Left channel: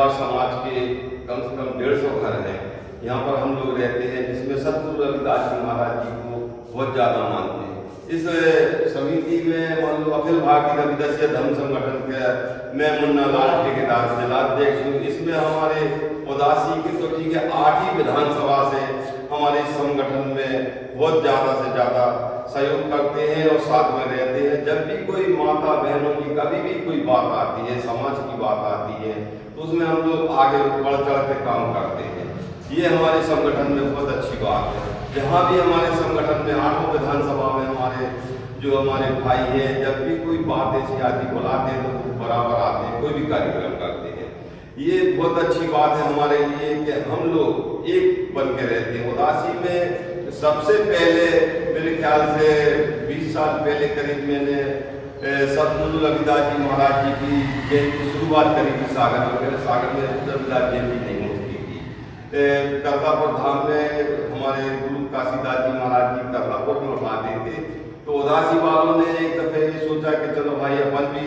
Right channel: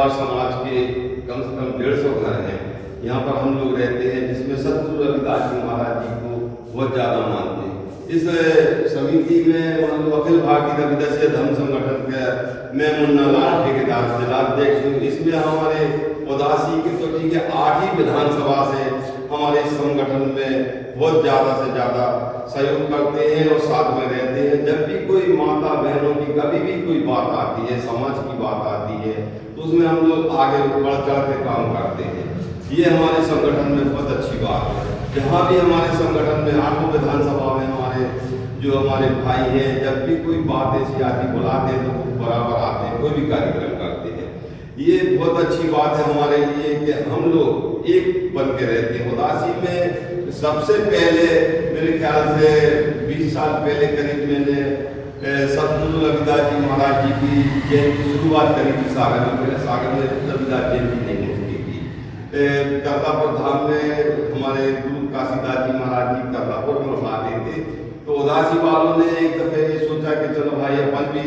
परिवार समाज के कम से कम 150 घर हैं। यहाँ पर हम लोग रहते हैं, जिसमें सतगुरु रविदास जी महाराज जी को बहुत ज़्यादा मानते हैं। इस समिति में मान लो अखिल भारतीय रविदास धर्म संगठन के मैं मुन्ना लाल ठेकेदार जिलाध्यक्ष हूँ। इसमें हमारे उदासी के तो ठीक है 8 ही विधानसभा से हमारे संगठन में बहुत ज़्यादा से ज़्यादा सहयोग करते हैं और साथ में रहते हैं। जब भी कोई माता बहनों की कभी भी कोई बात आती है, समाज की बात आती है, तो उसमें हम लोग आगे बढ़ चढ़ के काम करते हैं। ये हमारे संगठन में बहुत अच्छी बात है। जहाँ भी हमारे संगठन में 8 विधानसभा में हमारे भाई हैं, जब भी कोई बात ऐसी आती बुलाते हैं तो वो बराबर आते हैं, कोई भी कार्यक्रम करते हैं। ये बहुत अच्छी बात है हमारे लिए कि हम लोग एक बन के रहते हैं। उदासी में सबसे पहले मेरे ख्याल से 20 साल पहले करीब मैंने सतगुरु रविदास जी महाराज जी की जयंती की शुरुआत करी थी सागर में। पहले सागर में रविदास जयंती नहीं होती थी। करतापुर धाम में हमारे गुरु काशीदास जी महाराज जी करतापुर में उठाते थे। तो उदासी वालों ने एक दफे सोचा कि चलो भाई अपन भी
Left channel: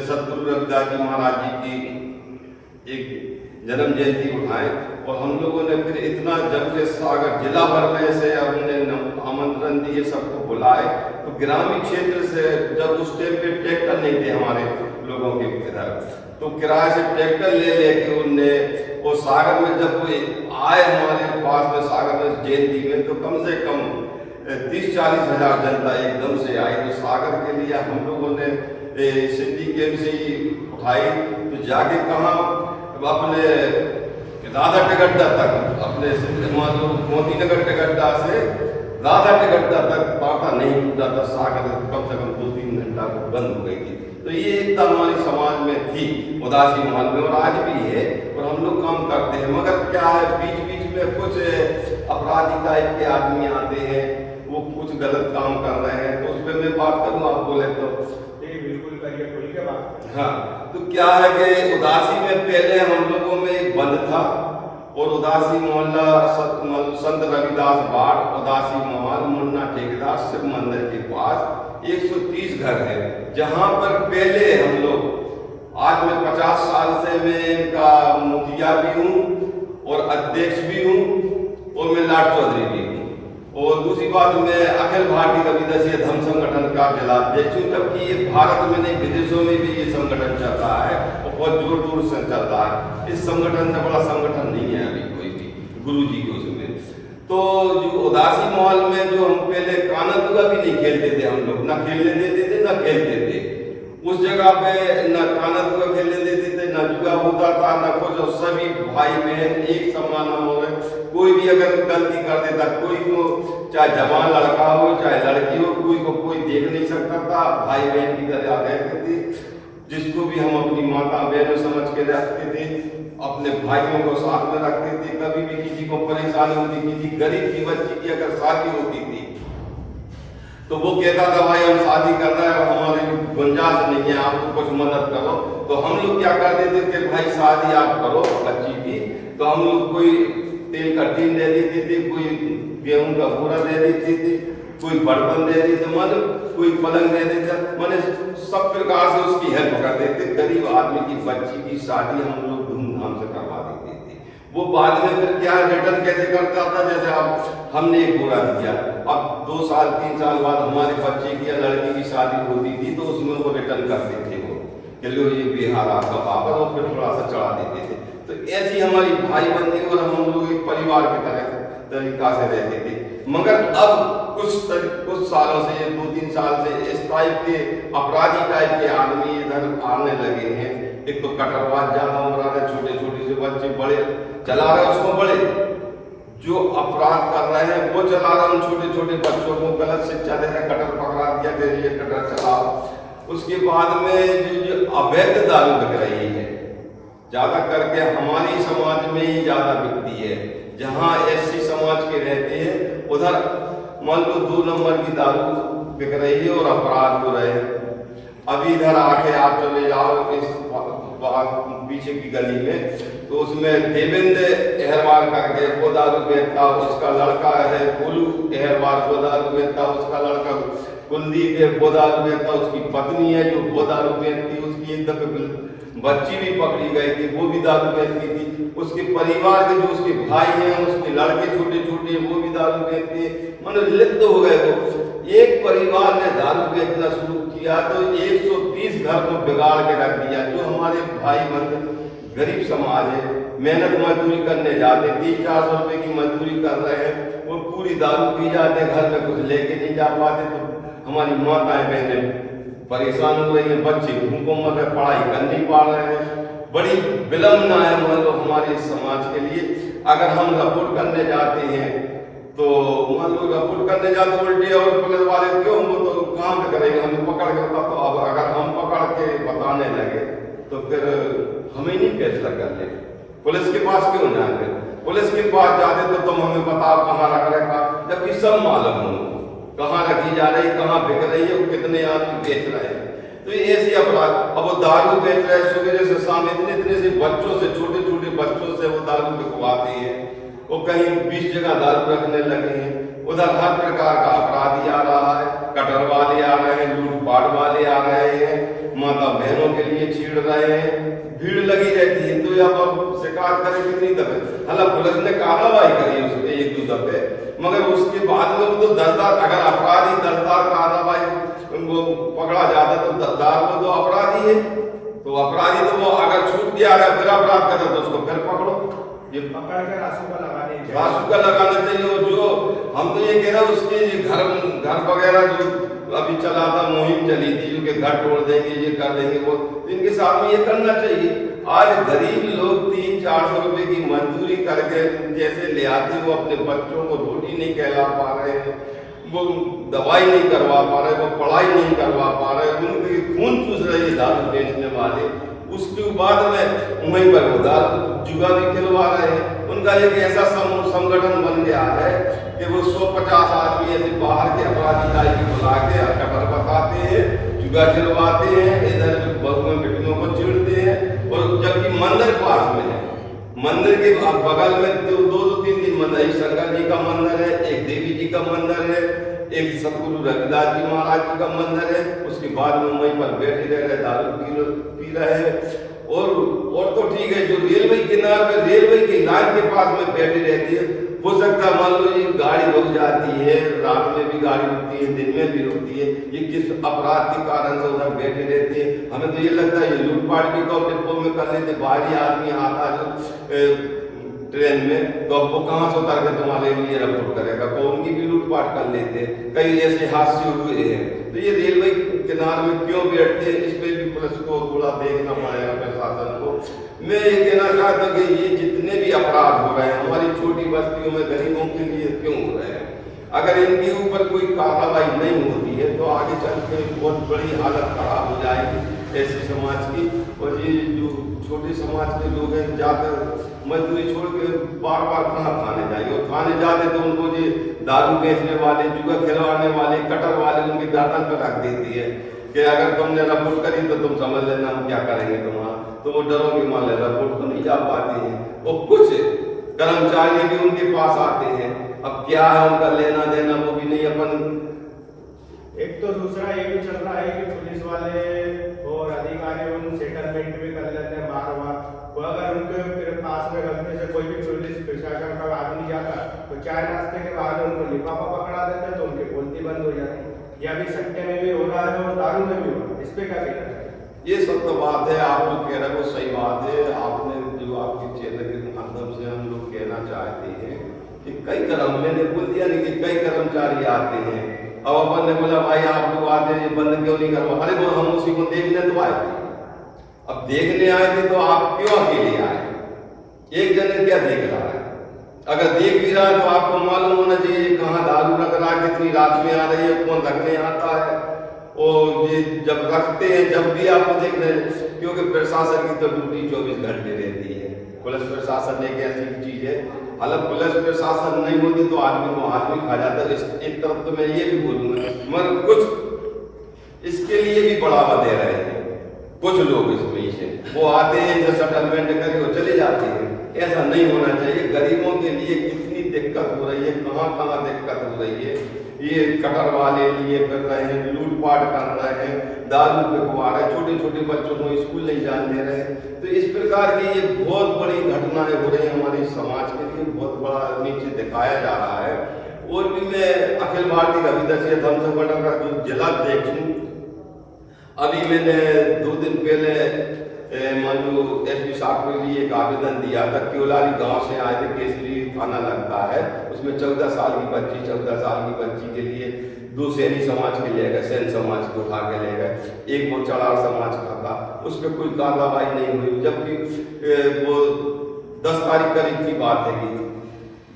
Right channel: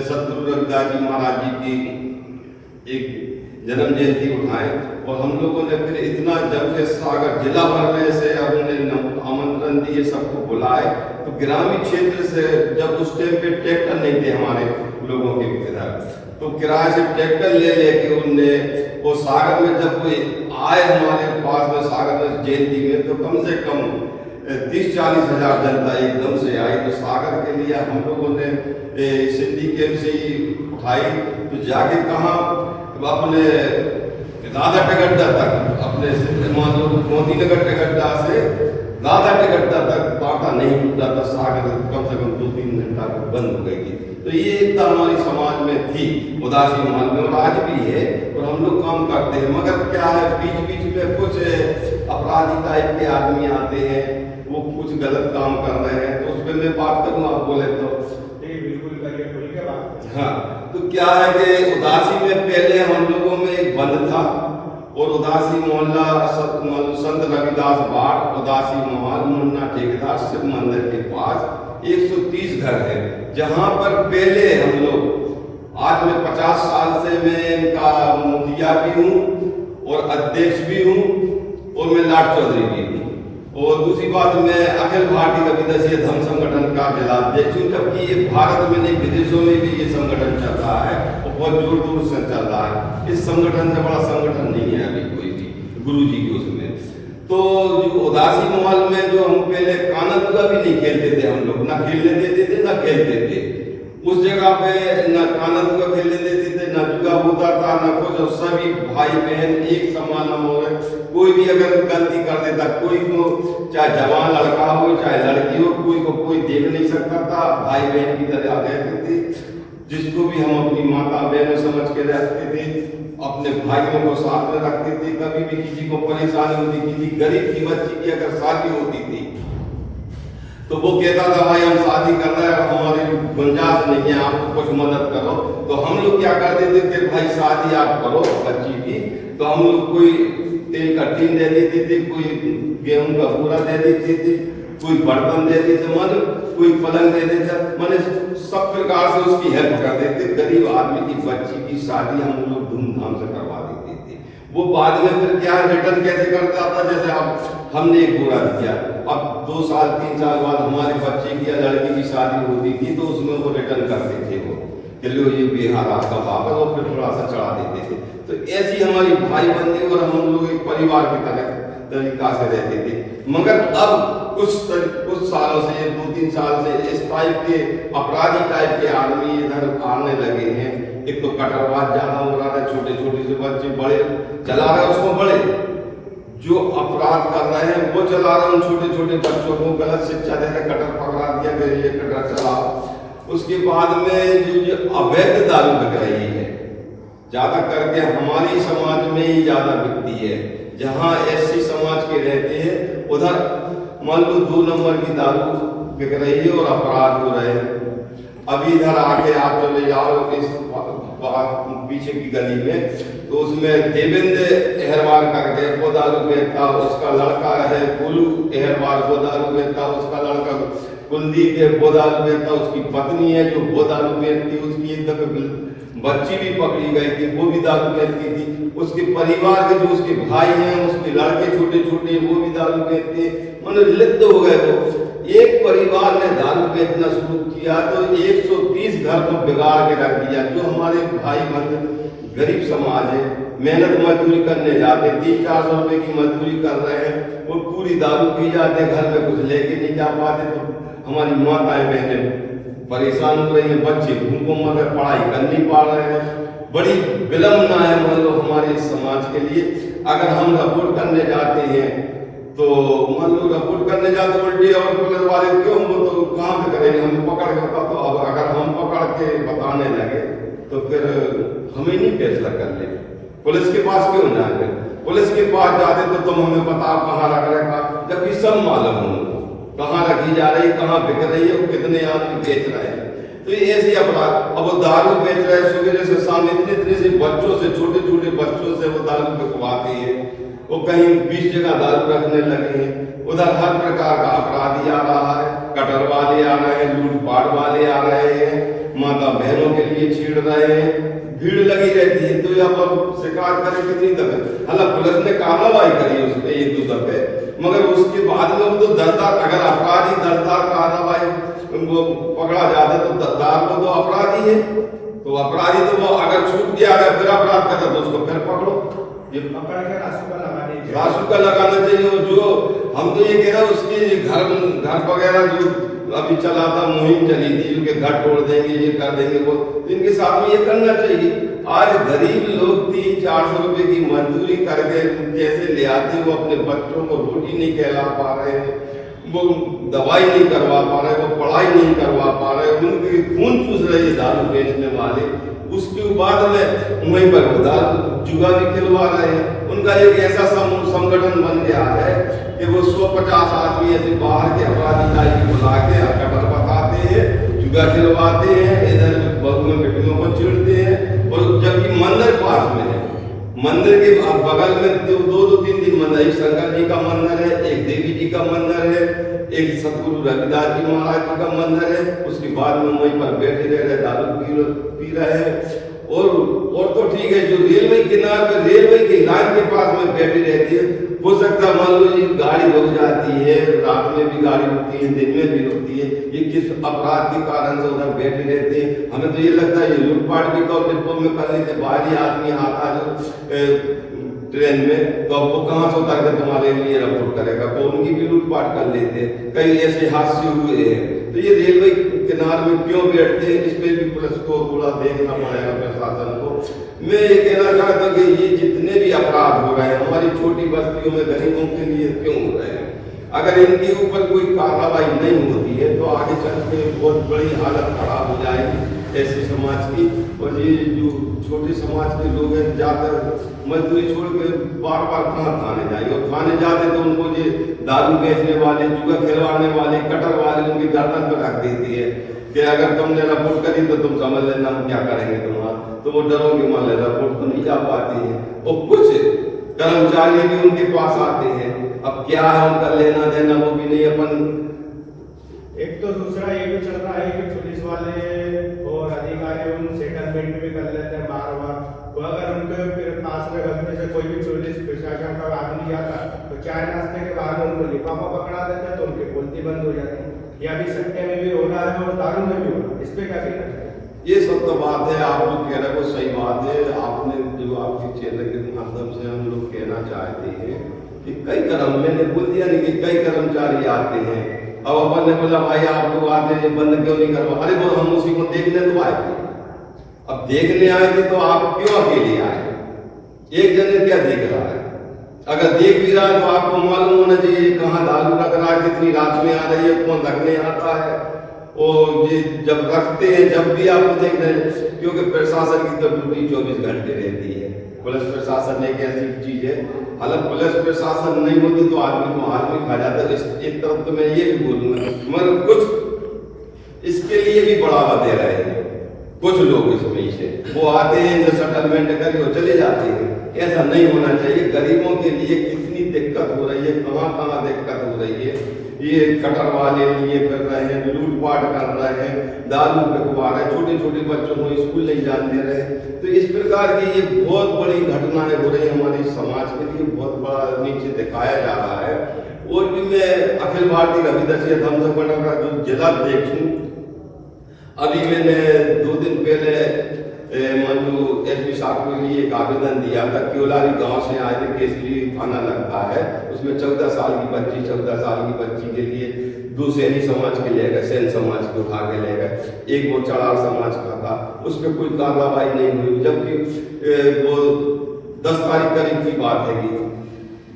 सतगुरु रविदास जी महाराज जी की एक जन्म जयंती उठाए। और हम लोगों ने फिर इतना जब से सागर जिला भर में से हमने आमंत्रण दिए, सबको बुलाए। तो ग्रामीण क्षेत्र से जब उस टाइम पे ट्रैक्टर नहीं थे हमारे लोगों के इधर, तो किराए से ट्रैक्टर ले लेके उनने वो सागर में जब कोई आए हमारे पास में सागर में जयंती में, तो कम से कम 30-40 हजार जनता एकदम से आई। तो सागर के लिए हम लोगों ने सिटी कैंप से ही उठाई। तो जाके कहा अपने राधा टिकट्टा तक, अपने मान लो मोदी नगर टिकट्टा से राधा टिकट्टा तक बाटा नहीं टूटा था। सागर कम से कम 2-3 घंटा को बंद हो गई थी। तो ये एकता हमारी समाज में थी, उदासी समाज में, और आज भी है। और हम लोग काम करते हैं। मगर क्या है, बीच बीच में कुछ अपराधी टाइप के आदमी आते हैं, वो कुछ गलत काम कर रहे हैं। तो उस पर मैं बात करूँ, आप बोले तो बिल्कुल बात। हाँ, तो क्या है कि उदासी में पहले हम लोगों में एक बंद था, और उदासी मोहल्ला संत रविदास बाट, उदासी मोहल मुन्ना ठेकेदार शिव मंदिर के पास 130 घर है, जहां पर पहले हम लोग, आज मैं 50 साल से मैं इनका मुखिया भी हूँ और अध्यक्ष भी हूँ, और मैं लाट चौधरी भी हूँ। और दूसरी बात, मैं अखिल भारतीय रविदास धर्म संगठन का जिलाध्यक्ष हूँ। जबकि ये भारत में नहीं, विदेशों में भी ये संगठन चल रहा है और बहुत जोर दूर से चल रहा है। इस संगठन से बड़ा संगठन नहीं है अभी कोई भी, गुरु जी के उसमें। तो जो उदासी माहौल में जो हम पहले काना दुआ भी नहीं खेलते थे, हम लोग ना खेलने देते थे ना खेलते थे। उस जगह पे न काना दुआ खेलने देते थे, न जुआ होता था, न कुछ। सभी भाई बहन एक समान हो गए। कोई भी अगर गलती कर देता, कोई को चाहे जवान लड़का हो चाहे लड़की हो, कोई को कोई देख नहीं सकता था। भाई बहन की तरह रहते थे, जिसको भी हम अपनी माता बहनों समझ के रखते थे, अपने भाइयों को साथ में रखते थे। कभी भी किसी को परेशानी होती, किसी गरीब की बच्ची की अगर शादी होती थी, तो वो कहता था भाई हम शादी करना है, हमारी गुंजाइश नहीं है, आप कुछ मदद करो। तो हम लोग क्या कर देते थे, भाई शादी आप करो बच्ची की, तो हम लोग कोई तेल का टीन दे देती थी, कोई गेहूं का पूरा दे देती थी, कोई बर्तन दे देते, मतलब कोई पलंग दे देता, मैंने सब प्रकार से उसकी हेल्प कर देते। गरीब आदमी की बच्ची की शादी हम लोग धूमधाम से करवा देते थे। वो बाद में फिर क्या रिटर्न कैसे करता था, जैसे अब हमने एक घोड़ा दिया, अब 2 साल 3 साल बाद हमारे बच्चे की या लड़की की शादी होती थी, तो उसमें वो रिटर्न करते थे वो कि लो ये बिहार आपका वापस, और फिर थोड़ा सा चढ़ा देते थे। तो ऐसी हमारी भाई बंदी और हम लोग एक परिवार की तरह तरीका से रहते थे। मगर अब कुछ सालों से, 2-3 साल से इस टाइप के अपराधी टाइप के आदमी इधर आने लगे हैं। एक तो कटरवाद ज्यादा हो रहा है, छोटे छोटे से बच्चे बड़े चला रहे, उसको बड़े जो अपराध कर रहे हैं वो चला रहे हैं। उन छोटे छोटे बच्चों को गलत शिक्षा दे रहे, कटर पकड़ा दिया, फिर ये कटर चलाओ। उसके बाद में जो अवैध दारू बिक रही है, ज्यादा करके हमारी समाज में ही ज्यादा बिकती है। जहाँ एससी समाज के रहते हैं उधर मान लो 2 नंबर की दारू बिक रही है और अपराध हो रहे हैं। अभी इधर आगे आप चले जाओ इस पीछे की गली में, तो उसमें देवेंद्र अहरवाल करके वो दारू बेचता, उसका लड़का है गोलू अहरवाल वो दारू बेचता, उसका लड़का कुलदीप है वो दारू बेचता, उसकी पत्नी है जो वो दारू बेचती, उसकी एक दफे बच्ची भी पकड़ी गई थी, वो भी दारू पीती थी। उसके परिवार के जो उसके भाई हैं, उसके लड़के छोटे छोटे, वो भी दारू पीते हैं। मतलब लिप्त हो गए वो। एक परिवार ने दारू बेचना शुरू किया तो 130 घर को बिगाड़ के रख दिया। जो हमारे भाई बंद गरीब समाज है, मेहनत मजदूरी करने जाते, 300-400 रुपए की मजदूरी कर रहे हैं, वो पूरी दारू पी जाते, घर में कुछ लेके नहीं जा पाते। तो हमारी माताएं बहनें परेशान हो रही हैं, बच्चे भूखों मर रहे, पढ़ाई कर नहीं पा रहे हैं। बड़ी विलंबना है मान लो हमारे समाज के लिए। अगर हम रिपोर्ट करने जाते हैं तो मान लो रिपोर्ट करने जाते उल्टी और पुलिस वाले क्यों, वो तो कहाँ पे करेंगे, हम पकड़ के बता। तो अब अगर हम पकड़ के बताने लगे तो फिर हमें नहीं फैसला कर ले, पुलिस के पास क्यों जाएंगे? पुलिस के पास जाते तो तुम हमें बताओ कहाँ रख रखा, जबकि सब मालूम हो कहाँ रखी जा रही, कहाँ बिक रही है, कितने आदमी बेच रहे हैं। तो ये ऐसे अपराध। अब वो दारू बेच रहे हैं, सवेरे से शाम इतने से बच्चों से, छोटे छोटे बच्चों से वो दारू बिकवाते हैं। वो कहीं 20 जगह दारू रखने लगे हैं। उधर हर प्रकार का अपराधी आ रहा है, कटर वाले आ रहे हैं, लूटपाट वाले आ रहे हैं, माता बहनों के लिए छीड़ रहे हैं, भीड़ लगी रहती है। तो अब शिकार करें कितनी दफे, हालांकि पुलिस ने कार्रवाई करी उस पर 1-2 दफे, मगर उसके बाद में वो तो 10 दार, अगर अपराधी 10 दार कार्रवाई वो पकड़ा जाता तो 10 दार तो अपराधी है। तो अपराधी तो वो अगर छूट गया है फिर अपराध करे तो उसको फिर पकड़ो। ये पकड़ के रासू का लगाना चाहिए। और जो हम तो ये कह रहे हैं उसके घर वगैरह जो अभी चला था, मुहिम चली थी, जो कि घर तोड़ देंगे, ये कर देंगे, वो इनके साथ में ये करना चाहिए। आज गरीब लोग 300-400 रुपए की मजदूरी करके जैसे ले आते, वो अपने बच्चों को रोटी नहीं खिला पा रहे हैं, वो दवाई नहीं करवा पा रहे, वो पढ़ाई नहीं करवा पा रहे, उनके खून चूस रहे हैं दारू बेचने वाले। उसके बाद में वहीं पर होता जुआ भी खिलवा रहे हैं। उनका एक ऐसा संगठन बन गया है कि वो 150 आदमी ऐसे बाहर के अपराधी बुला के खबर बताते हैं, जुआ खिलवाते हैं, इधर बगल में बेटियों को चिढ़ते हैं। और जबकि मंदिर पास में है, मंदिर के बगल में 2-3 मंदिर, एक शंकर जी का मंदिर है, एक देवी जी का मंदिर है, एक सतगुरु रविदास जी महाराज जी का मंदिर है। उसके बाद में वहीं पर बैठे रह रहे, दारू पी रहे हैं। और तो ठीक है, जो रेलवे किनारे पे, रेलवे की लाइन के पास में बैठी रहती है, हो सकता है मान लो ये गाड़ी रुक जाती है, रात में भी गाड़ी रुकती है, दिन में भी रुकती है, ये किस अपराध के कारण से उधर बैठी रहती है। हमें तो ये लगता है ये लूटपाट भी तो बिल्कुल में कर लेते, बाहरी आदमी आता जो ट्रेन में, तो अब वो कहाँ से उतर के तुम्हारे लिए रिपोर्ट करेगा, तो उनकी भी लूटपाट कर लेते हैं। कई ऐसे हादसे हुए हैं। तो ये रेलवे किनारे में क्यों बैठते हैं, इस पे भी पुलिस को थोड़ा देखना पड़ेगा, प्रशासन को। मैं ये कहना चाहता हूँ कि ये जितने भी अपराध हो रहे हैं हमारी छोटी बस्तियों में गरीबों के लिए क्यों हो रहे हैं, अगर इनके ऊपर कोई कार्रवाई नहीं होती है तो आगे चल के बहुत बड़ी हालत खराब हो जाएगी ऐसे समाज की। और ये जो छोटे समाज के लोग हैं, जाकर मजदूरी छोड़ के बार बार कहाँ थाने जाएंगे, और थाने जाते तो उनको ये दारू बेचने वाले, जुआ खिलवाने वाले, कटर वाले उनकी गर्दन पे रख देती है कि अगर तुमने रिपोर्ट करी तो तुम समझ लेना हम क्या करेंगे तुम्हारा। तो वो डरोगे मान लेना, रिपोर्ट तो नहीं जा पाती है। और कुछ कर्मचारी भी उनके पास आते हैं, अब क्या है उनका लेना देना वो भी नहीं अपन। एक तो दूसरा ये भी चल रहा है कि पुलिस वाले और अधिकारी उन सेटलमेंट भी कर लेते हैं बार बार। वो अगर उनके पास में गलती से कोई भी पुलिस प्रशासन का आदमी जाता तो चाय नाश्ते के बाद उनको लिफाफा पकड़ा देता है तो उनकी बोलती बंद हो जाती है। या भी सत्य में भी हो रहा है और दारू में भी हो रहा है, इस पे क्या कहना चाहिए? ये सब तो बात है, आप लोग कह रहे हो सही बात है। आपने जो आपके चैनल के माध्यम से हम लोग कहना चाहते हैं कि कई कर्म, मैंने बोल दिया नहीं कि कई कर्मचारी आते हैं। अब अपन ने बोला भाई आप लोग आते हैं बंद क्यों नहीं करवा, अरे वो हम उसी को देखने तो आए थे। अब देखने आए थे तो आप क्यों अकेले आए, एक जने क्या देख रहा है? अगर देख भी रहा है तो आपको मालूम होना चाहिए कहाँ दारू रख रहा है, कितनी रात में आ रही है, कौन रखने आता है। और ये जब रखते हैं जब भी आपको देख रहे हैं, क्योंकि प्रशासन की तो ड्यूटी 24 घंटे रहती है। पुलिस प्रशासन एक ऐसी चीज है, हालांकि पुलिस प्रशासन नहीं होती तो आदमी को हाथ में खा जाता है। एक तरफ तो मैं ये भी बोलूंगा मगर कुछ इसके लिए भी बढ़ावा दे रहे हैं कुछ लोग इसमें से, वो आते हैं जो सेटलमेंट करके वो चले जाते हैं। ऐसा नहीं होना चाहिए। गरीबों के लिए कितनी दिक्कत हो रही रही है, कहाँ कहाँ दिक्कत हो रही है। ये कटर वाले लिए कर रहे हैं, लूटपाट कर रहे हैं, दारू बिकवा रहे हैं, छोटे छोटे बच्चों को स्कूल नहीं जाने दे रहे हैं। तो इस प्रकार की ये बहुत बड़ी घटनाएं हो रही हैं हमारे समाज के लिए, बहुत बड़ा नीचे दिखाया जा रहा है। और भी मैं अखिल भारतीय रविदासी धर्म संगठन का जो जिला अध्यक्ष हूँ, अभी मैंने 2 दिन पहले मान लो एसपी साहब के लिए एक आवेदन दिया था। क्योलारी गांव से आए थे, केसरी थाना लगता है, उसमें 14 साल की बच्ची के लिए 2 सैनी समाज के ले गए, सैन समाज को उठा के ले गए, एक वो चढ़ाव समाज का था, उस पर कोई कार्रवाई नहीं हुई। जबकि वो 10 तारीख करीब की बात है,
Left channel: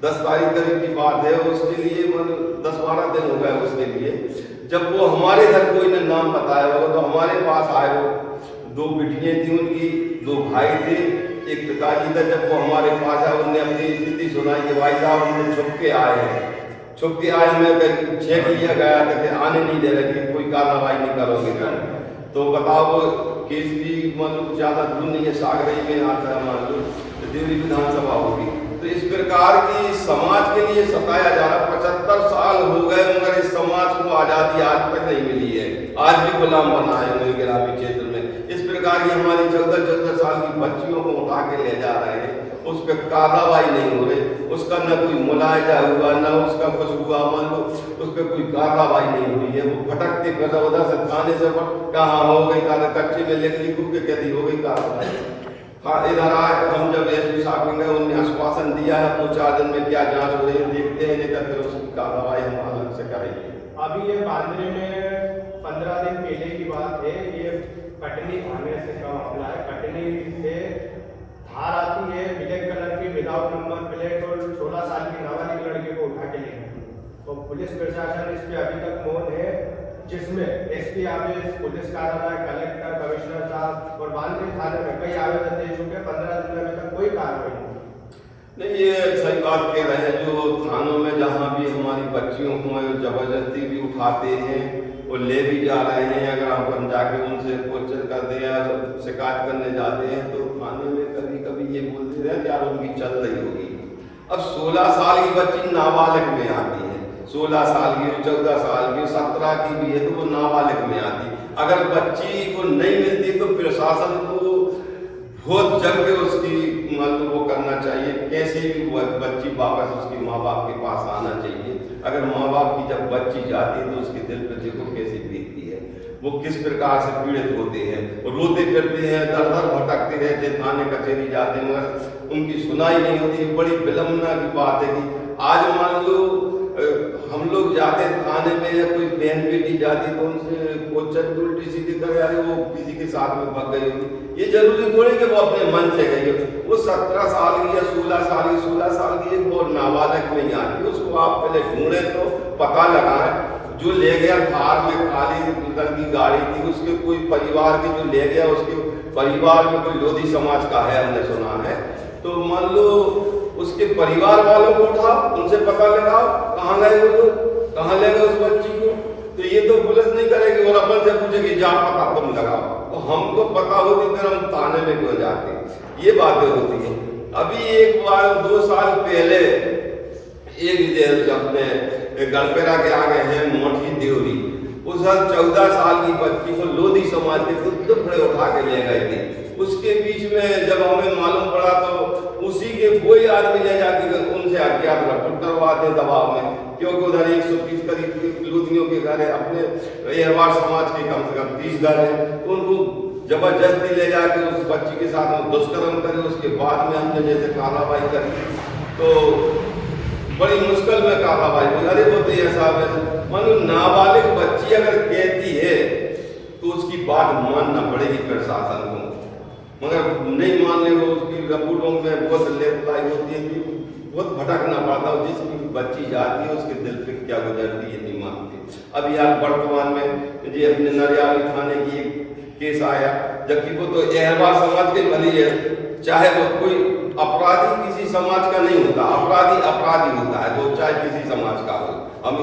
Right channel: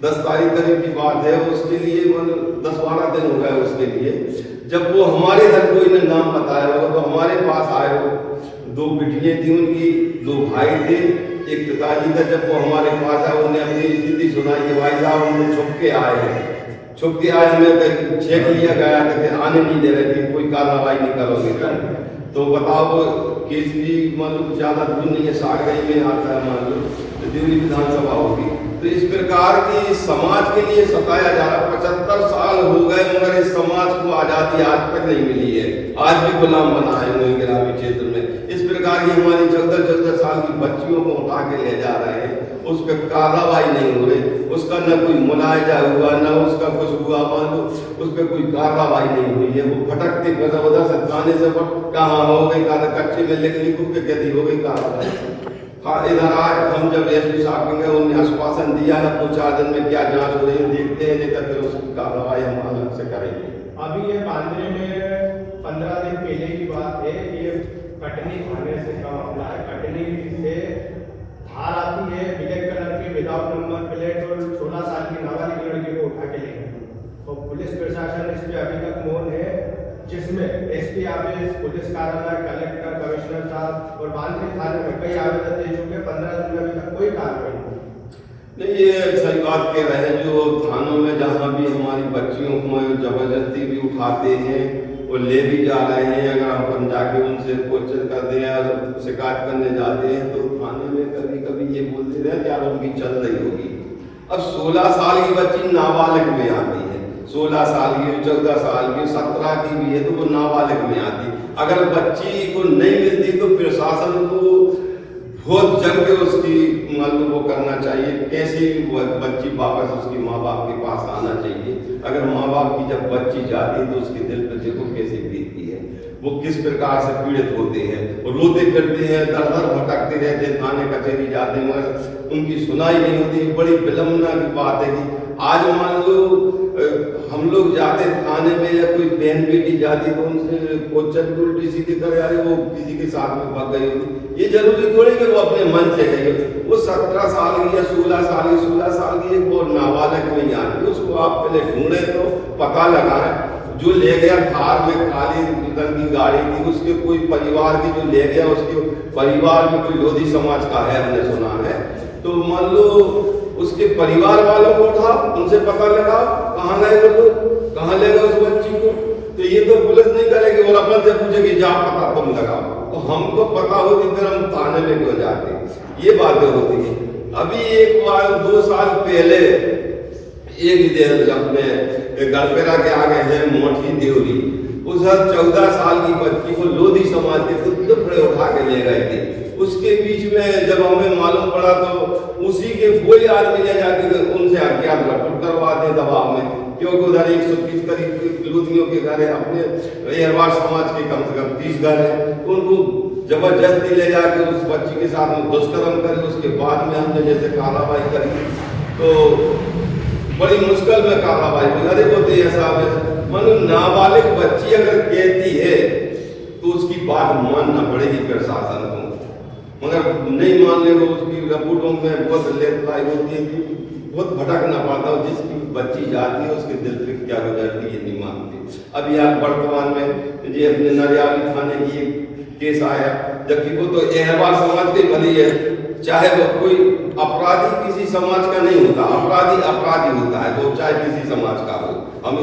10 तारीख करीब की बात है, उसके लिए 10-12 दिन हो गए उसके लिए। जब वो हमारे घर को इन्हें नाम बताया होगा तो हमारे पास आए हो, 2 बेटियां थी उनकी, 2 भाई थे, एक पिताजी था। जब वो हमारे पास आए, उन्होंने अपनी स्थिति सुनाई कि भाई साहब हम लोग छुप के आए हैं, छुप के आए, हमें चेक लिया गया था, आने नहीं दे रहे थे, कोई कार्रवाई नहीं करोगे तो बताओ। केसरी मान लो ज्यादा दूर नहीं है, सागरई में आता है, मान लो देवरी विधानसभा होगी। तो इस प्रकार की समाज के लिए सताया जा रहा। 75 साल हो गए मगर इस समाज को आजादी आज तक नहीं मिली है, आज भी गुलाम बना है लोग ग्रामीण क्षेत्र में। इस प्रकार की हमारी 14 साल की बच्चियों को उठा के ले जा रहे हैं, उस पर कार्रवाई नहीं हो रही, उसका न कोई मुलायजा हुआ, न उसका कुछ हुआ, मान लो उस पर कोई कार्रवाई नहीं हुई है। वो भटकते उधर से थाने से कहाँ हो गई, कच्चे में लिख ली कुछ कैदी हो गई कार्रवाई। इधर आज हम जब एसपी साहब ने उन्हें आश्वासन दिया है 2-4 दिन में क्या जांच हो रही है देखते हैं, नहीं तो फिर उसकी कार्रवाई हम अलग से करेंगे। अभी ये बांधने में 15 दिन पहले की बात है, ये कटनी थाने से का मामला है। कटनी से धार आती है, ब्लैक कलर की विदाउट नंबर प्लेट और 16 साल की नाबालिग लड़की को उठा के ले गई। और पुलिस प्रशासन इस पे अभी तक मौन है, जिसमें एसपी ऑफिस, पुलिस कार्यालय, कलेक्टर, कमिश्नर साहब और बांधने थाने में कई आवेदन दे चुके, 15 दिन में अभी तक कोई कार्रवाई नहीं। ये सही बात कह रहे हैं, जो थानों में जहाँ भी हमारी बच्चियों को जबरदस्ती भी उठाते हैं और ले भी जा रहे हैं, अगर हम जाके उनसे क्वेश्चन करते हैं और शिकायत करने जाते हैं तो थाने में कभी कभी ये बोलते हैं क्या उनकी चल रही होगी। अब 16 साल की बच्ची नाबालिग में आती है, 16 साल की, 14 साल की, 17 की भी है तो वो नाबालिग में आती। अगर बच्ची को नहीं मिलती तो प्रशासन को बहुत जल्द उसकी मान लो वो करना चाहिए, कैसे भी बच्ची वापस उसके माँ बाप के पास आना चाहिए। अगर माँ बाप की जब बच्ची जाती है तो उसके दिल पे देखो कैसी बीतती है, वो किस प्रकार से पीड़ित होते हैं, रोते फिरते हैं, दर दर भटकते रहते हैं, थाने कचहरी जाते हैं मगर उनकी सुनाई नहीं होती। बड़ी विलंबना की बात है। आज मान लो हम लोग जाते थाने में या कोई बहन बेटी जाती तो उनसे क्वेश्चन उल्टी सीधी कर यार वो किसी के साथ में भाग गई होगी, ये जरूरी थोड़ी कि वो अपने मन से गई। वो 17 साल की या 16 साल की वो नाबालिग में आती, उसको आप पहले ढूंढे तो पता लगाए। जो ले गया थार में खाली रंग की गाड़ी थी, उसके कोई परिवार के जो ले गया उसके परिवार में कोई लोधी समाज का है, हमने सुना है। तो मान लो उसके परिवार वालों को उठाओ, उनसे पता लगाओ कहाँ गए वो, तो कहाँ ले गए उस बच्ची को। तो ये तो पुलिस नहीं करेगी और अपन से पूछेगी जा पता तुम लगाओ, तो हमको पता होगी फिर हम थाने में क्यों जाते। ये बातें होती है। अभी एक बार 2 साल पहले एक दिन अपने गलपेरा के आगे है मोटी देवरी, उस 14 साल की बच्ची को लोधी समाज के टुकड़े उठा के ले गए थे। उसके बीच में जब हमें मालूम पड़ा तो उसी के कोई आदमी ले जाके उनसे अज्ञात रपूट करवाते दबाव में, क्योंकि उधर 130 करीब की लूधियों के घर है, अपने अहरवार समाज के कम से कम 30 घर है, तो उनको जबरदस्ती ले जाके उस बच्ची के साथ दुष्कर्म करे। उसके बाद में हमने जैसे कार्रवाई करी तो बड़ी मुश्किल में कार्रवाई हुई। अरे बोलते ऐसा मतलब नाबालिग बच्ची अगर कहती है तो उसकी बात मानना पड़ेगी प्रशासन को, मगर नहीं मानने को उसकी रपूटों में बहुत लेटलाई होती है, बहुत भटकना पड़ता है। जिसकी बच्ची जाती है उसके दिल पे क्या गुजरती है नहीं मानती। अब यार वर्तमान में ये अपने नरियाली थाने की एक केस आया, जबकि वो तो अहरवार समाज के भली है, चाहे वो कोई अपराधी किसी समाज का नहीं होता, अपराधी अपराधी होता है, वो चाहे किसी समाज का हो। हम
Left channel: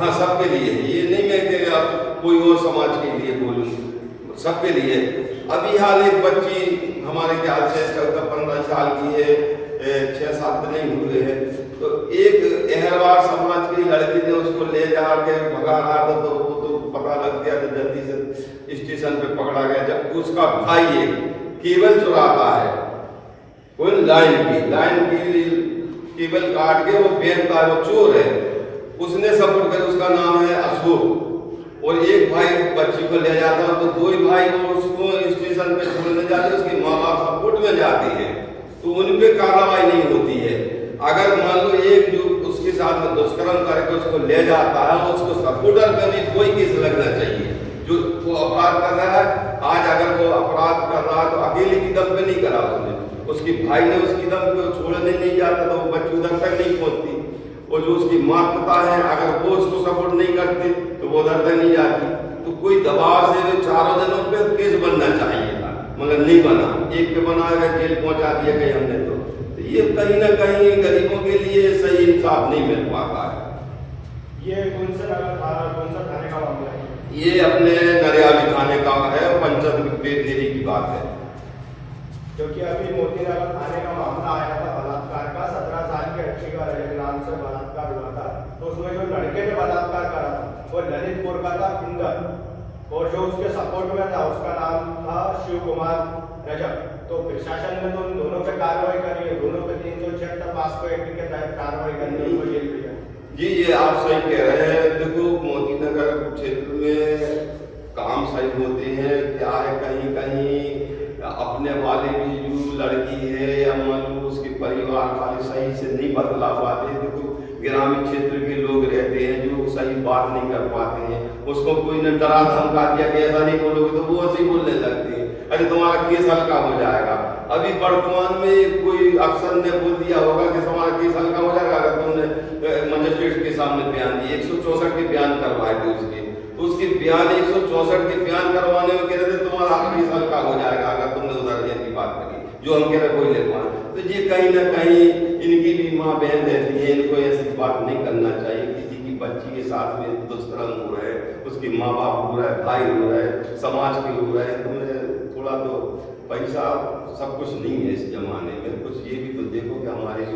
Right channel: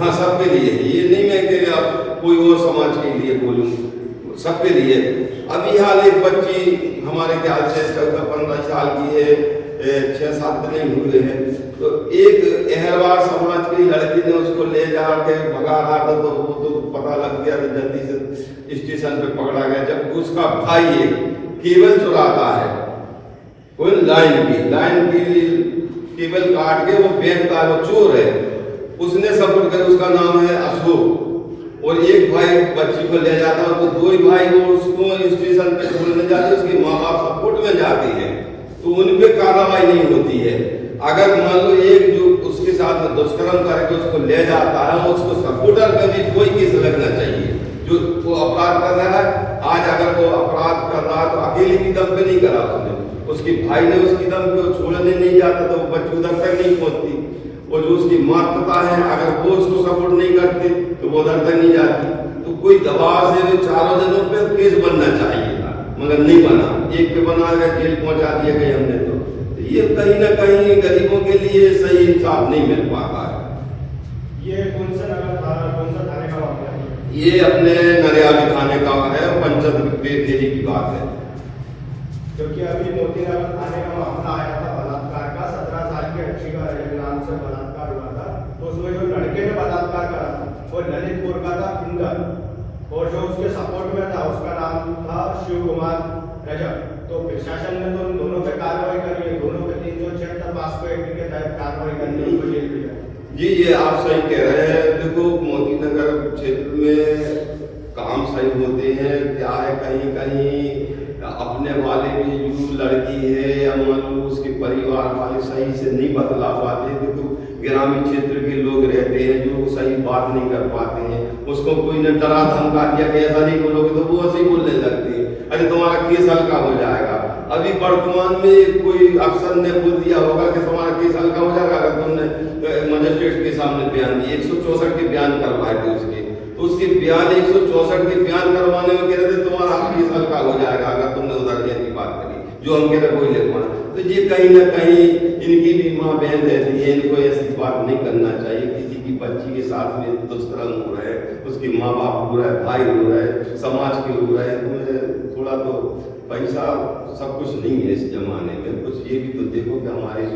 हाँ सबके लिए, ये नहीं मैं कह आप कोई और समाज के लिए बोलूँ, सबके लिए। अभी हाल एक बच्ची हमारे ख्याल से 14-15 साल की है, 6-7 दिन ही हुए हैं, तो एक अहरवार समाज की लड़की ने उसको ले जाके भगा रहा था, तो वो तो पता लग गया, तो जल्दी से स्टेशन पे पकड़ा गया। जब उसका भाई एक केबल चुराता है, कोई लाइन की केबल काट के वो बेचता है, वो चोर है, उसने सपोर्ट कर, उसका नाम है अशोक, और एक भाई बच्ची को ले जाता है, तो 2 ही भाई वो उसको स्टेशन पे छोड़ने जाते, उसके माँ बाप सपोर्ट में जाते हैं, तो उन पे कार्रवाई नहीं होती है। अगर मान लो एक जो उसके साथ में दुष्कर्म करके उसको ले जाता है, उसको सपोर्टर पे भी कोई केस लगना चाहिए। जो वो अपराध कर रहा है, आज अगर वो अपराध कर रहा है तो अकेले की दम पे नहीं करा उसके भाई ने उसकी दम पे छोड़ने नहीं जाता, तो बच्ची उधर तक नहीं पहुंचती, और जो उसकी माता है अगर वो उसको सपोर्ट नहीं करते तो वो उधर तक नहीं जाती। तो कोई दबाव से 4 जनों पे केस बनना चाहिए था, मगर नहीं बना, एक पे बना है, जेल पहुंचा दिया गया हमने। तो ये कहीं ना कहीं गरीबों के लिए सही इंसाफ नहीं मिल पाता है। ये कौन सा थाने का मामला है? ये अपने नरियाली थाने का है, पंचायत बेदेरी की बात है। क्योंकि अभी मोतीनगर थाने का मामला आया था बलात्कार का, 17 साल की बच्ची का इल्जाम से बलात्कार हुआ था, तो उसमें जो लड़के ने बलात्कार करा था वो ललितपुर का था फिंगर, और जो उसके सपोर्ट में था उसका नाम था शिव कुमार रजक। तो प्रशासन ने तो उन दोनों पे कार्रवाई करी है, दोनों पे 306 पास्को एक्ट के तहत कार्रवाई करनी है, तो जेल में जाए। जी ये आप सही कह रहे हैं। देखो मोतीनगर क्षेत्र में काम सही होते हैं, क्या है कहीं कहीं अपने वाले भी जो लड़की है या मान लो उसके परिवार वाले सही से नहीं बतला पाते, क्योंकि ग्रामीण क्षेत्र के लोग रहते हैं जो सही बात नहीं कर पाते हैं, उसको कोई ने डरा धमका दिया कि ऐसा नहीं बोलोगे, तो वो ऐसे ही बोलने लगते हैं, अरे तुम्हारा केस हल्का हो जाएगा। अभी वर्तमान में कोई अफसर ने बोल दिया होगा कि तुम्हारा केस हल्का हो जाएगा अगर तुमने मजिस्ट्रेट के सामने बयान दिए, 164 के बयान करवाए थे उसके बयान 164 के बयान करवाने में कह रहे थे तुम्हारा केस हल्का हो जाएगा अगर तुमने उधर देने की बात करी, जो हम कह रहे कोई ले पाए। तो ये कहीं ना कहीं इनकी भी माँ बहन रहती है, इनको ऐसी बात नहीं करना चाहिए। किसी की बच्ची के साथ में दुष्कर्म हो रहा है, उसके माँ बाप हो रहा है, भाई हो रहा है, समाज के हो रहा है, तुम्हें थोड़ा तो पैसा सब कुछ नहीं है इस जमाने में, कुछ ये भी तो देखो कि हमारी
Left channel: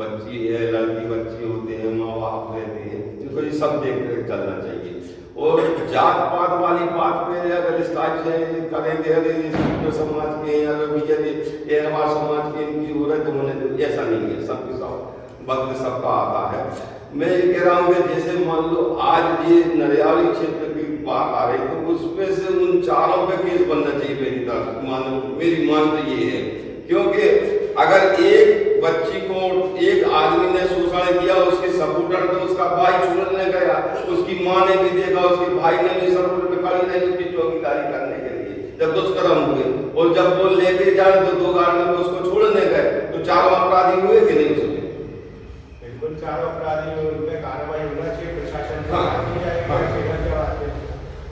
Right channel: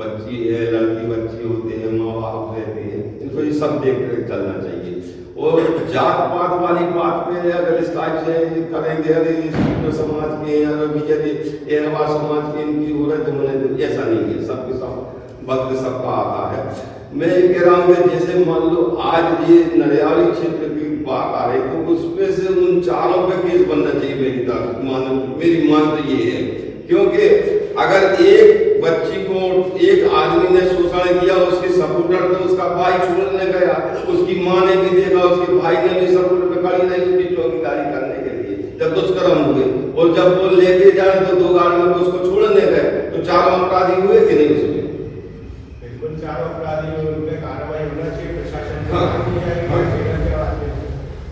बच्ची है, लड़की बच्ची होते हैं, माँ बाप रहते हैं, इनको ये सब देख कर चलना चाहिए। और जात पात वाली बात पे अगर इस टाइप से करेंगे, अरे समाज के अहरवार समाज के इनकी हो रहे तो उन्हें ऐसा नहीं है, सबके सब वक्त सबका आता है। मैं ये कह रहा हूँ कि जैसे मान लो आज ये नरियाली क्षेत्र की बात आ रही तो उसमें से उन चारों पे केस बनना चाहिए मेरी तरफ, मेरी मान तो ये है, क्योंकि अगर एक बच्ची को एक आदमी ने शोषण किया, उसके सपोर्टर में उसका भाई छोड़ने गया, उसकी माँ ने भी देखा, उसके भाई ने भी सपोर्ट में खड़ी नहीं भी चौकीदारी करने के लिए जब दुष्कर्म हुए, और जब वो लेके जाए तो 2 गाड़ियों में उसको छोड़ने गए, तो 4 अपराधी हुए कि नहीं उसमें? बिल्कुल 4 अपराधी उन पे कार्रवाई होना चाहिए, प्रशासन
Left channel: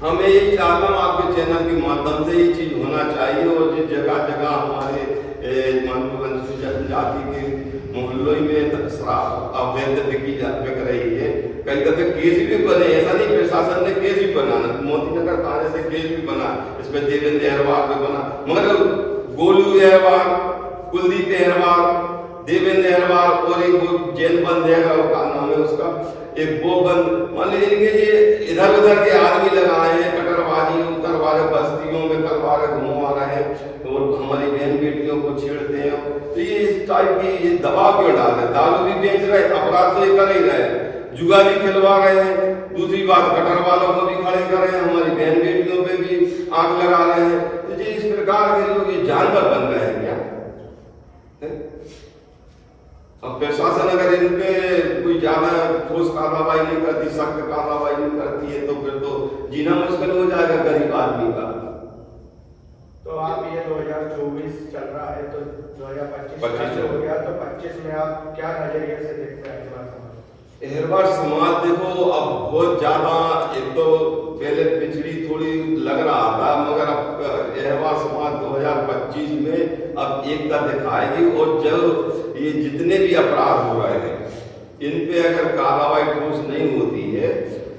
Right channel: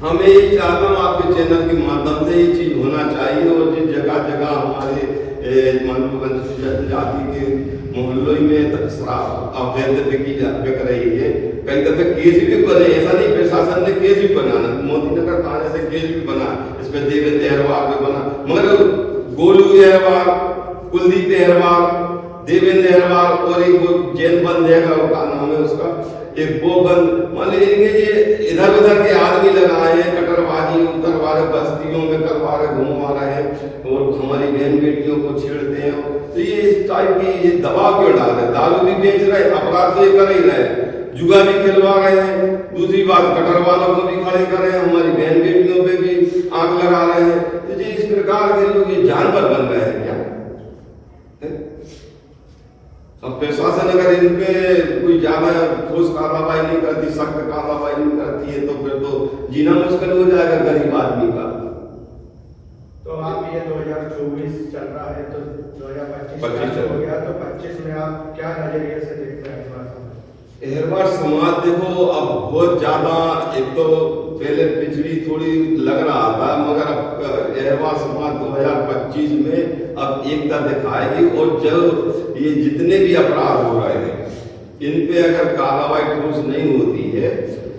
हमें यही चाहता हूँ आपके चैनल के माध्यम से ये चीज होना चाहिए, और जिस जगह जगह हमारे जाति के मोहल्लों में अवैध बिक्री बिक रही है, कई दफे केस भी बने, ऐसा नहीं प्रशासन ने केस भी बना, मोतीनगर थाने से केस भी बना, इसमें देवेंद्र अहरवार पे बना, मगर गोलू अहरवार, कुलदीप अहरवार, देवेंद्र अहरवार और एक जेल बंद है का नाम है उसका, एक वो बंद, मान लीजिए ये इधर उधर के आदमी लगाए हैं, कटरबाजी करवा रहे, बस्तियों में करवा रहे, घुमा रहे हैं, और हमारी बहन बेटियों को छेड़ते हैं। तो ये इस टाइप की ये दबाव क्यों डाल रहे, दारू भी बेच रहे, अपराध ये कर ही रहे, जुआ भी खेलवा रहे हैं, दूसरी बात कटर वालों को भी खड़े कर रहे हैं, हमारी बहन बेटियों पे भी आग लगा रहे हैं। तो ये इस प्रकार के लोग ये जानवर बन गए हैं क्या? अब प्रशासन अगर इन पे कोई ज्यादा ठोस कार्रवाई नहीं करती, सख्त कार्रवाई नहीं करती है, तो फिर तो जीना मुश्किल हो जाएगा गरीब आदमी का। तो आप ये 2024 चल रहा है, तो 2025 हो गया, तो 25 में आप क्या नजरिए से देखते हैं अहरवार समाज? देखो अब बहुत ज्यादा, एक तो पहले पिछड़ी थोड़ी लग रहा था, मगर अब अहरवार समाज 2025 में अब एकता दिखाएगी, और जब ये जितने भी अपराध हो रहे हैं इन पे अगर कार्रवाई ठोस नहीं होती है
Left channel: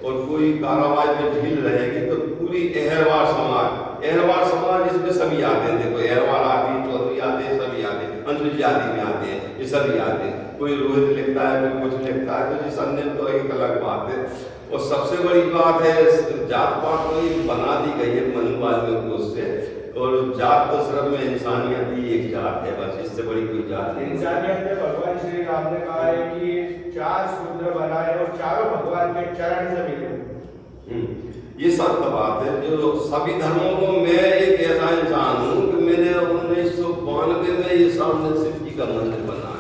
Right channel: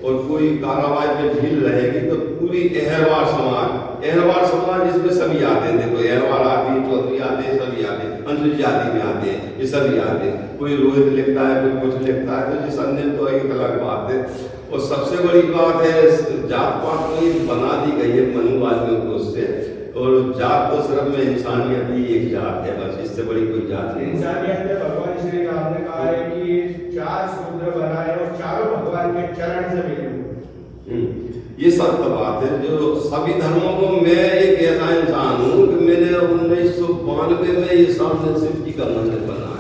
और कोई कार्रवाई में ढील रहेगी तो पूरी अहरवार समाज इसमें सभी आते हैं। देखो अहरवार आती है, चौधरी आते हैं, सभी आते हैं, अनुसूचित जाति में आते हैं, ये सभी आते हैं। कोई रोहित लिखता है, कोई कुछ लिखता है, तो संदेह तो एक अलग बात है। और सबसे बड़ी बात है जात पात में बना दी गई है मनुवादियों को उससे, और जात तो सिर्फ में इंसानियत ही एक जात है, बस इससे बड़ी कोई जात नहीं। इंसानियत में भगवान श्री राम ने कहा है कि 4 सूत्र बना रहे और चारों भगवान के चरण से मिले। ये सत्य बात है। जो सभी धर्मों को, मैं एक ऐसा इंसान हूँ कि मैंने 1992 में ये सामने शिवजी का मंदिर बनाया।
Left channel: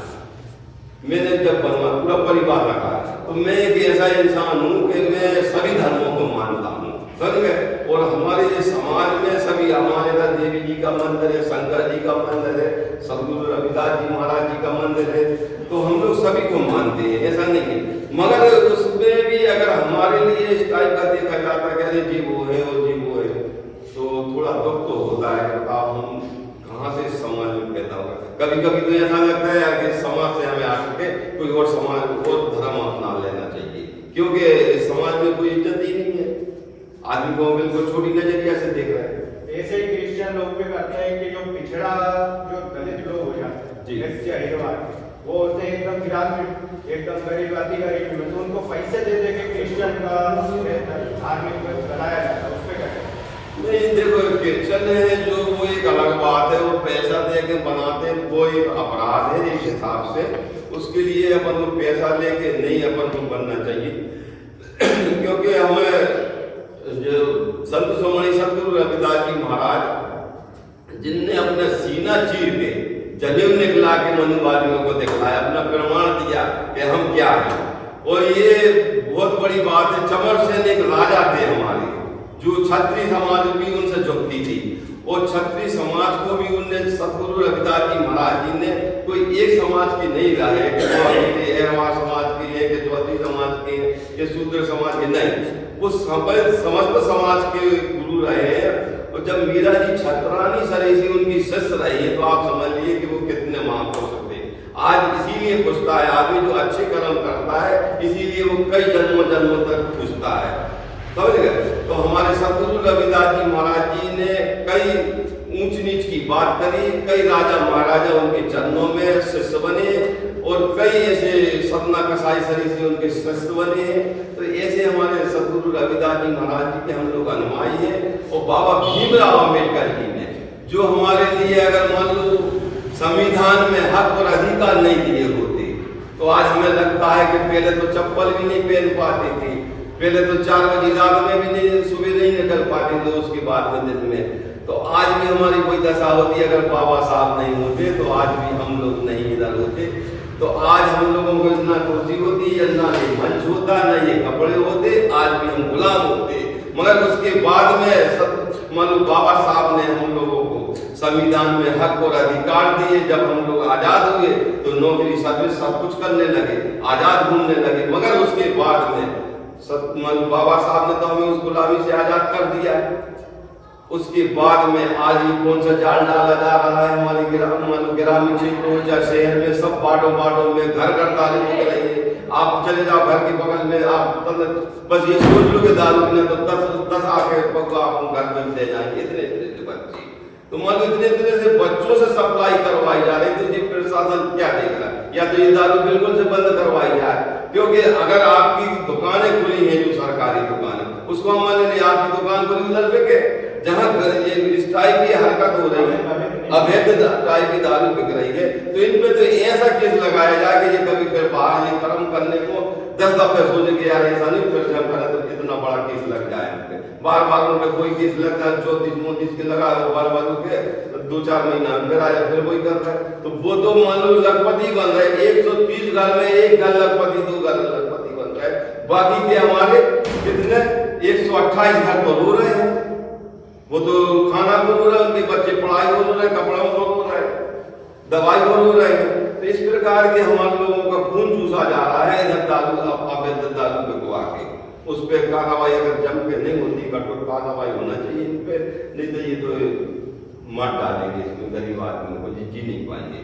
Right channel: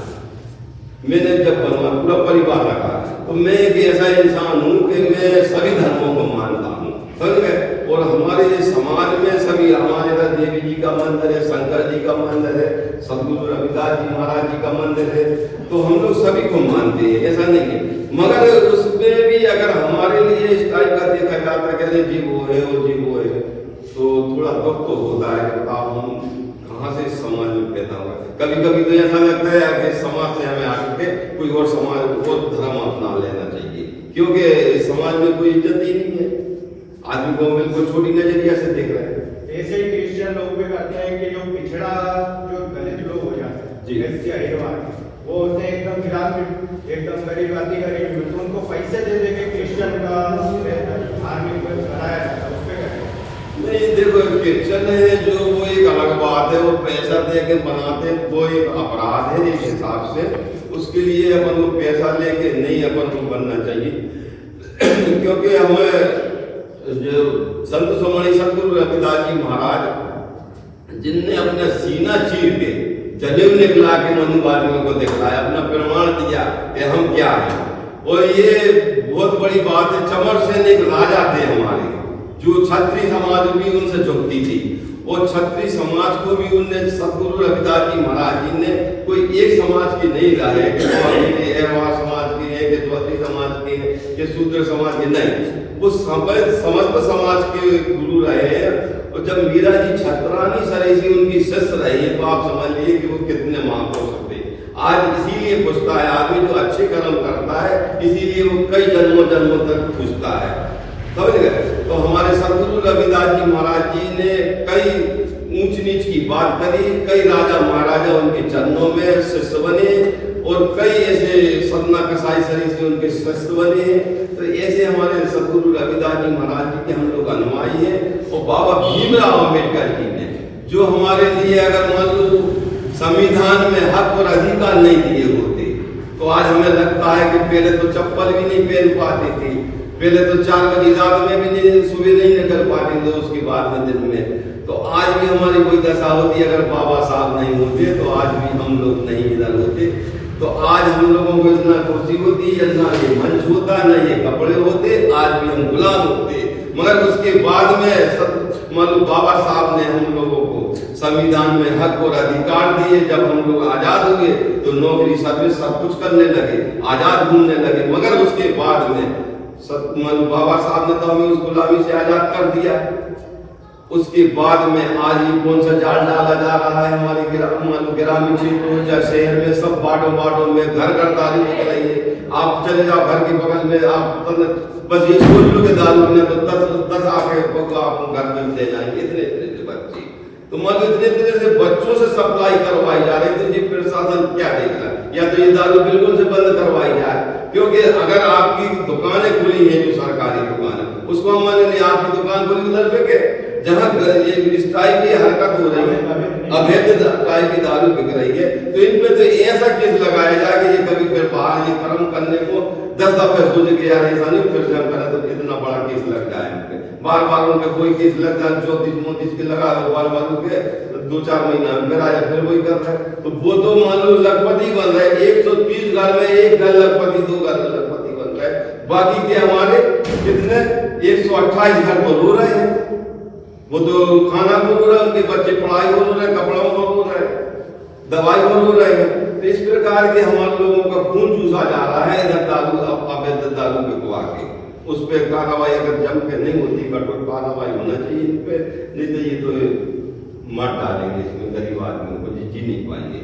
मैंने जब बनवा पूरा परिवार रखा, तो मैं एक ऐसा इंसान हूँ कि मैं सभी धर्मों को मानता हूँ, समझ गए। और हमारे समाज में सभी, हमारे इधर देवी जी का मंदिर है, शंकर जी का मंदिर है, सदगुरु रविदास जी महाराज जी का मंदिर है, तो हम लोग सभी को मानते हैं, ऐसा नहीं है। मगर उसमें भी अगर हमारे लिए इस टाइप का देखा जाता है कि जी वो है और जी वो है, तो थोड़ा दुख तो होता है। बताओ हम कहाँ से समाज में पैदा हुआ। कभी कभी तो ऐसा लगता है कि समाज से हमें आकर के कोई और समाज और धर्म अपना लेना चाहिए, क्योंकि समाज में कोई इज्जत ही नहीं है। आदमी को बिल्कुल छोटी नजरिया से देख रहे हैं। ऐसे ही क्रिश्चियन लोग भी करते हैं कि जो पिछड़ा, जो दलित लोग हो जाते हैं, वो होते हैं एकदम गिरामी, एकदम गरीब आदमी करेंगे, तो उनको पैसे दे देंगे क्रिश्चियन का आदमी को बनाया जाता है, उस पे नहीं। देखो क्रिश्चियन है जो, वो एक अलग बात है, वो पैसा दे के बनाते हैं, वो एक अपराध है एक हिसाब से। उसके लिए अपन को पैसा लेके नहीं अपन को बनना चाहिए, क्योंकि हमें जो संत शिरोमणि सदगुरु रविदास जी महाराज, जिनने अपना सीना चीर के जलेब निकला के मनुवादियों को दिखलाया, अपना प्रमाण दिया कि हम क्या हैं। और ये बहुत बड़ी बात है। चमर सेन एक राजा थे हमारे, जो क्षत्रिय समाज भी उनसे झुकती थी, और क्षत्रिय समाज को भी उनने, सदगुरु रविदास जी महाराज जी ने कोई एक समाज की नहीं लाए कि समाज की है, कि चौधरी समाज के, कि शूद्र समाज के, नहीं। वो समस्त समाज के गुरु रहे हैं। और जब मीरा जी छतरानी सरेसी उनकी शिष्य रही है, तो आप समझ लीजिए कि वो कितने महान हो सकते हैं। आज इसीलिए पूछता है आदमी, जो अच्छे कर्म करता है, इसीलिए वो कई जन्मों तक पूछता है, समझ गए। तो हमारे सदगुरु रविदास जी महाराज जी ने कई ऊंच नीच की बात करी, कई राजा महाराजा उनके चरणों में शिष्य बने, और कई ऐसे सतना कसाई सरी से उनके शिष्य बने। तो ऐसे हमारे सदगुरु रविदास जी महाराज जी के हम लोग अनुयायी हैं। और बाबा भीमराव अम्बेडकर जी ने, जो हमारे लिए अगर मान लो संविधान में हक और अधिकार नहीं दिए होते, तो आज हमें लगता है कि पहले तो चप्पल भी नहीं पहन पाते थे, पहले तो 4 बजे रात में भी नहीं, सुबह नहीं निकल पाते थे, उसके बाद में दिन में। तो आज भी हमारी कोई दशा होती, अगर बाबा साहब नहीं होते तो आज भी हम लोग नहीं इधर होते। तो आज हम लोगों को इतना कुर्सी होती, इतना ये मंच होता, न ये कपड़े होते, आज भी हम गुलाम होते। मगर उसके बाद में मतलब बाबा साहब ने हम लोगों को संविधान में हक और अधिकार दिए। जब हम लोग आजाद हुए तो नौकरी सर्विस सब कुछ करने लगे, आजाद घूमने लगे। मगर उसके बाद में बाबा साहब ने तो हमें उस गुलामी से आजाद कर दिया। उसके बाद में आज ये कौन सा जाल डाला जा रहा है हमारे ग्रामीण क्षेत्रों या शहर में, सब बाटों में घर दारू बिक रही है। आप चले जाओ घर के बगल में, आप बस ये सोच लो कि दारू में तो 10 आके आपको घर में दे जाएंगे, इतने से बच्चे। तो मान लो इतने से बच्चों से सप्लाई करवाई जा रही थी। जी प्रशासन क्या देख रहा है, या तो ये दारू बिल्कुल से बंद करवाई जाए, क्योंकि अगर आपकी दुकानें खुली हैं, जो सरकारी दुकान है, उसको हमारे लिए आपकी दुकान खुली उधर पे के जहाँ ये इस टाइप की हरकत हो रही है, अवैध टाइप की दारू बिक रही है, तो इन पे तो ऐसा केस लगाया जाए कि ये कभी फिर बाहर ये कर्म करने को 10 दफे सोच के यार ऐसा नहीं, फिर से हम करें तो कितना बड़ा केस लग जाए हमके। बार उनके कोई केस लग जाए, 34 के लगा बार के 2-4 महीना अंदर आया, फिर वही कर रहे हैं। तो वो तो मान लो लखपति बन रहे, 130 घर में 1 घर लखपति, 2 घर लखपति बन रहे, बाकी के हमारे कितने 128 घर पर हो रहे हैं। वो तो खाना बोल रहे हैं, उनके बच्चे पढ़ाई बोल रहे हैं, कपड़ा बोल रहे हैं, दवाई बोल रहे हैं। तो इस प्रकार के हमारे लोगों का खून चूसा जा रहा है इधर दारू, अवैध दारू बिकवा के। उस पर कार्रवाई अगर जम के नहीं होती, कठोर कार्रवाई होना चाहिए इन पे, नहीं तो ये तो मार डालेंगे इसमें, गरीब आदमी को जी नहीं पाएंगे।